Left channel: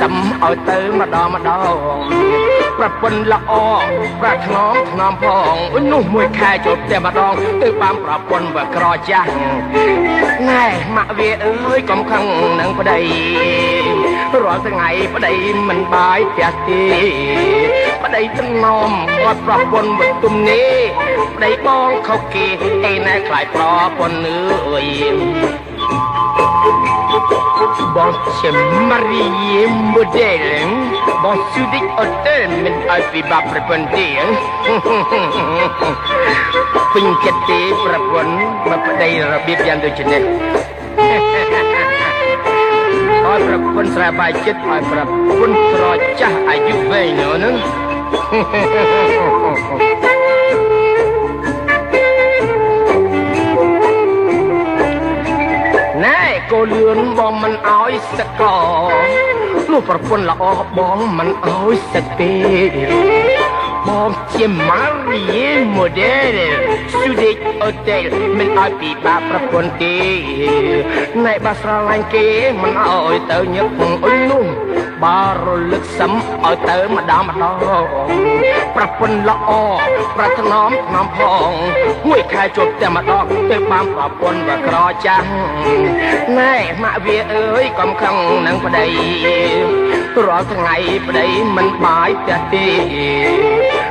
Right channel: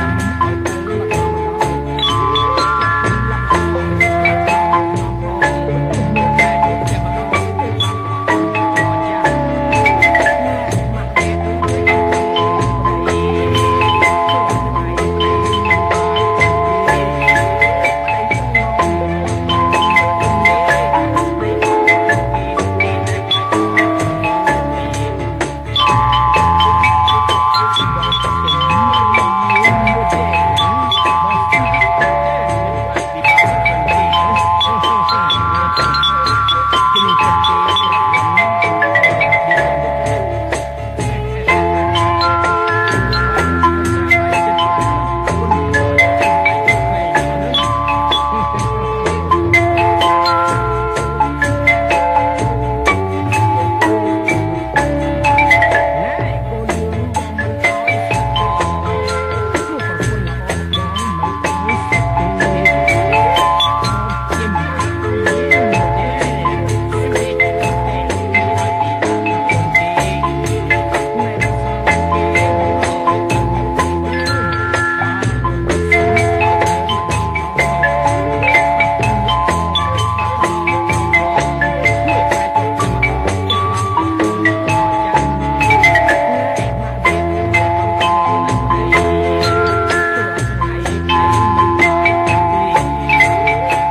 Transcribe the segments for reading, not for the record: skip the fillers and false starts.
សំឲ្យទៅម្ដងប្រពន្ធល្អប្រាថ្នាថ្នមផងវិញនោះមួយខែជួបតែម្ដងគឺបានប្រពន្ធបើក្រចាស់ណែម៉ាក់វាអើយកុំខឹងនឹងប្តីរាល់ថ្ងៃប្តីមិនបាយផ្ទះទេប្តីថ្នមគាត់ប្រពន្ធបើទុំនេះប្តីបងខុសគេឯណែខ្លាយប្រពន្ធនឿយបងជាម៉ារីម៉ូដែលបងស៊ូឌីអត់ទេមិនអត់ពីបាក់ប្រពន្ធទេពេញចិត្តទេប្រពន្ធមកប្តីរបៀបយ៉ាងដូចនេះអត់ប្រពន្ធស្រាបាយចិត្តឲ្យប្រពន្ធរចាស់អាយុវែងហ្នឹងណែកូនលឿនបងមិនអោយសឹកកនោះប្រពន្ធល្អបងមិនអោយសឹកទេបងជាម៉ារីម៉ូដែលស៊ូឌីអត់ទេមិនអោយពីបាប្រពន្ធទេណែបើស្រឡាញ់គេមិនអោយទៅញឹកអុយនោះបើរលឹកសំឲ្យទៅម្ដងប្រពន្ធល្អប្រាថ្នាថ្នមផងមួយខែជួបតែម្ដងទៅបានប្រពន្ធក៏ក្រចាស់ណែម៉ាក់វាអើយកុំខឹងនឹងប្តីរាល់ថ្ងៃប្តីមិនបាយផ្ទះទេ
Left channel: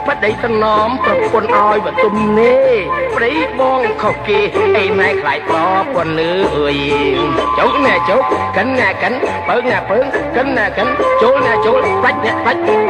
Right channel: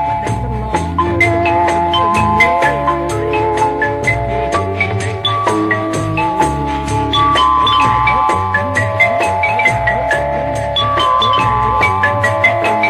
ប្តីថ្នមប្រពន្ធឲ្យបើទុំនេះប្តីបងខុសគេឯណែខ្លាយប្រពន្ធនឿយចុកណែចុកកិនណែកិនបើណែបើកិនណែកិនចូលណែចូលដាច់ដាច់